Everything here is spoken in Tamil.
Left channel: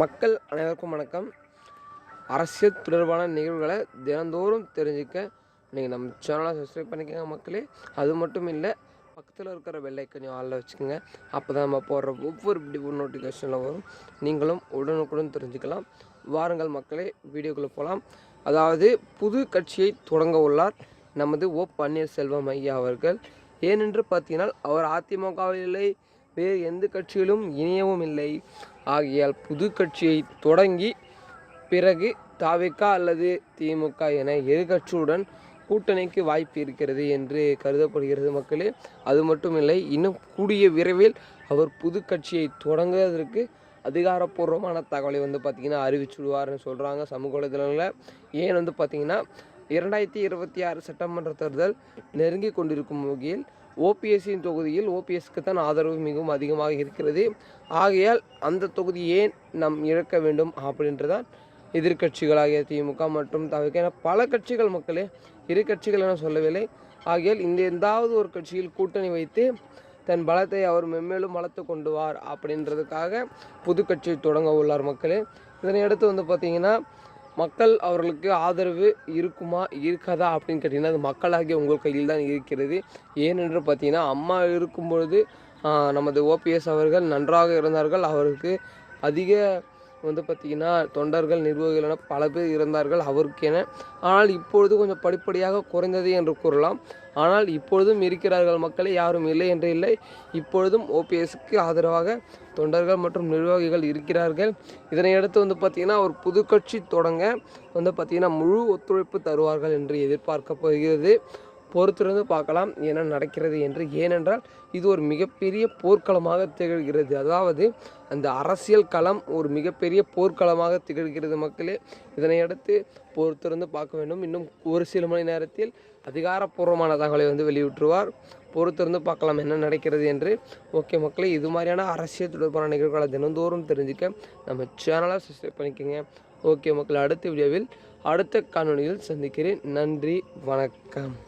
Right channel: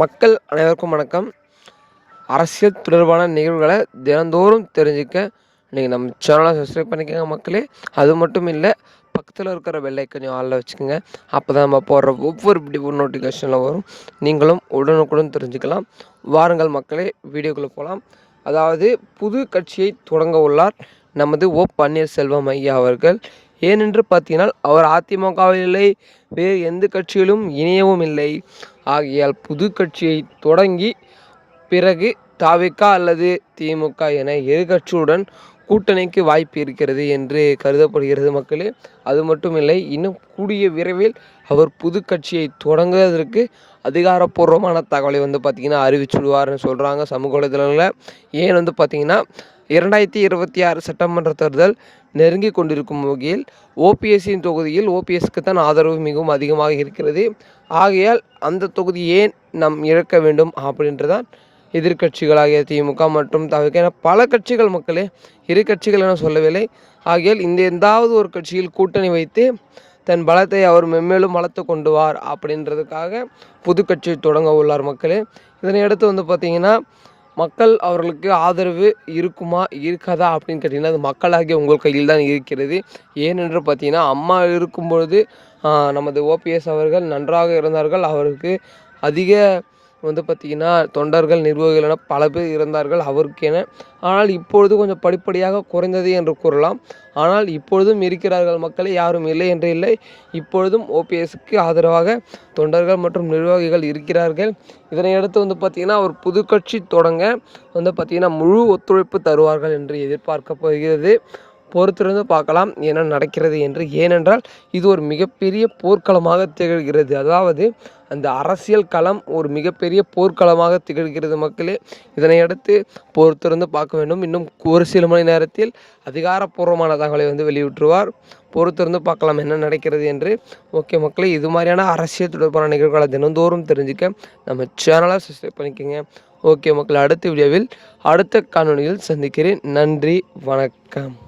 மக்கள் அனைவருக்கும் வணக்கம். அரசியல் தொடர்பான நிகழ்வுகளை தினந்தோறும் தெரிஞ்சுக்க நீங்கள் நம்ம சேனலை சப்ஸ்கிரைப் பண்ணிக்கோங்க மக்களே. அது மட்டும் இல்லை பக்கத்தில் இருக்கிற வெள்ளை கொஞ்சம் ஆளில் வச்சுக்கோங்க. அப்போ தான் நம்ம போடுற ஒவ்வொரு பிடிப்பு நோட்டிஃபிகேஷனில் வரும். நீங்களும் உடனுக்குடன் தெரிஞ்சுக்கலாம். வாருங்கள் மக்களே வீடியோக்குள்ளே போகலாம் அதாவது புது கட்சியை தொடங்க உள்ளார் நமது ஓ பன்னீர்செல்வம் ஐயா அவர்கள். ஏனென்று பார்த்தீங்கன்னா அவர் அதிமுகவில் இல்லை. வேறு எந்த கட்சியிலும் இணையவும் இல்லை. ஆகையால் புது கட்சியை தொடங்கி பிறகு தாவிக்கா அல்லது திமுக என இரு கட்சியுடன் கூட்டணிக்கு வாய்ப்பு இருக்கிறது என்று கருதப்படுகிறது மக்களே. அது மட்டும் இல்லை இன்னும் கூடிய விரைவில் அவர் புது கட்சியை தொடங்குவதற்கு அதிகாரப்பூர்வமான தகவலை வந்து பார்த்திங்கன்னா அறிவிச்சுடுவார்னு சொல்கிறாங்க சமூக வலைதளங்களில். ஏன் வந்து பார்த்திங்கன்னா இரண்டாயிரத்தி இருபத்தி ஆறு சட்டமன்ற தேர்தல் நெருங்கி கொண்டிருக்கும் வகையில் ஓபிஎஸ்சியின் தொகுதியில் ஓபிஎஸ்க்கு தான் ஆதரவு மிகவும் அதிகமாக இருக்கிறது. ஆகையால் அந்த தொகுதி ஏன் நம் இழக்க வேண்டும் அப்படின்றதான் எதிர்கட்சிகளாகிய திமுக மற்றும் தவிர்க்க என பல கட்சிகள் மக்களே இரு கட்சிகள் என சொல்லவில்லை. ஆகையால் இந்த எந்தாவது ஒரு கட்சியில் கூட்டணி வைத்து தன் பலத்தை அவர் மென்மேலும் வளர்த்து கொண்டு வார் அப்படின்றதுக்காக புது கட்சி தொடங்க உள்ளார் மக்களே. இதனை அடுத்து வந்து பார்த்திங்கன்னா மக்கள் அவர்களுக்கு ஆதரவு இருக்குமா இருக்காதா அப்படின்னு கேட்டிங்கன்னா அது மக்களாகிய உங்கள் கையில் தான் இருக்கிறது. ஏனென்று பார்த்தீங்கன்னா அம்மா இருக்கும்பொழுது நமது ஓபிஎஸ் அவர்கள் நன்றாக இருந்தார்கள். அவருக்கு அதிக வந்து பார்த்திங்கன்னா தொண்டர்கள் நிர்வாகிகள் என பல பேர் இருந்தார்கள் அவருக்கென. ஆனால் இப்பொழுது கொஞ்சம் படிப்படியாக குறைந்தது என்று கூறலாம். ஆனால் இப்பொழுதும் இருக்கிறார்கள் மக்களே யாரும் இல்லை என்று இல்லை. இப்பொழுதும் ஓபிஎஸ்க்கு ஆதரவாக தொண்டர்கள் மற்றும் நிர்வாகிகள் இருக்கிறார்கள். இதனையடுத்து வந்து பார்த்திங்கன்னா ஒரு புது கட்சி தொடங்க வந்து பார்த்திங்கன்னா முழு ஒத்துழைப்பு தருவார்கள் என்று எதிர்பார்க்கப்படுகிறது பொறுத்திருந்து பார்க்கலாம் என்ன நடக்கிறது என்று. ஏனென்றால் இது ஒரு மிகப்பெரிய போர்க்களமாக திகழ்கிறது. அதாவது அந்த அரசியல் களம் ஒரு மிகப்பெரிய போர்க்களமாக திகழ்கிறது மக்களே. இதனையடுத்து பொறுத்திருந்து பார்க்க வேண்டும். இன்னும் ஒரு சில மணி நேரத்தில் அதிகாரப்பூர்வமான தகவலை வந்து வெளியிட்டுருவார். பொறுத்திருந்து பார்க்கலாம் என்ன நடக்கிறது என்று. ஓகே மக்களே இது மாதிரியான அரசியல் தொடர்பான நிகழ்வுகளை தினந்தோறும் தெரிஞ்சுக்க நம்ம சேனலை சப்ஸ்கிரைப் பண்ணிக்கோங்க. ஓகே மக்கள் அடுத்த வீடியோவில் அடுத்த காணொலியில் சந்திக்கிறேன். நன்றி வணக்கம்.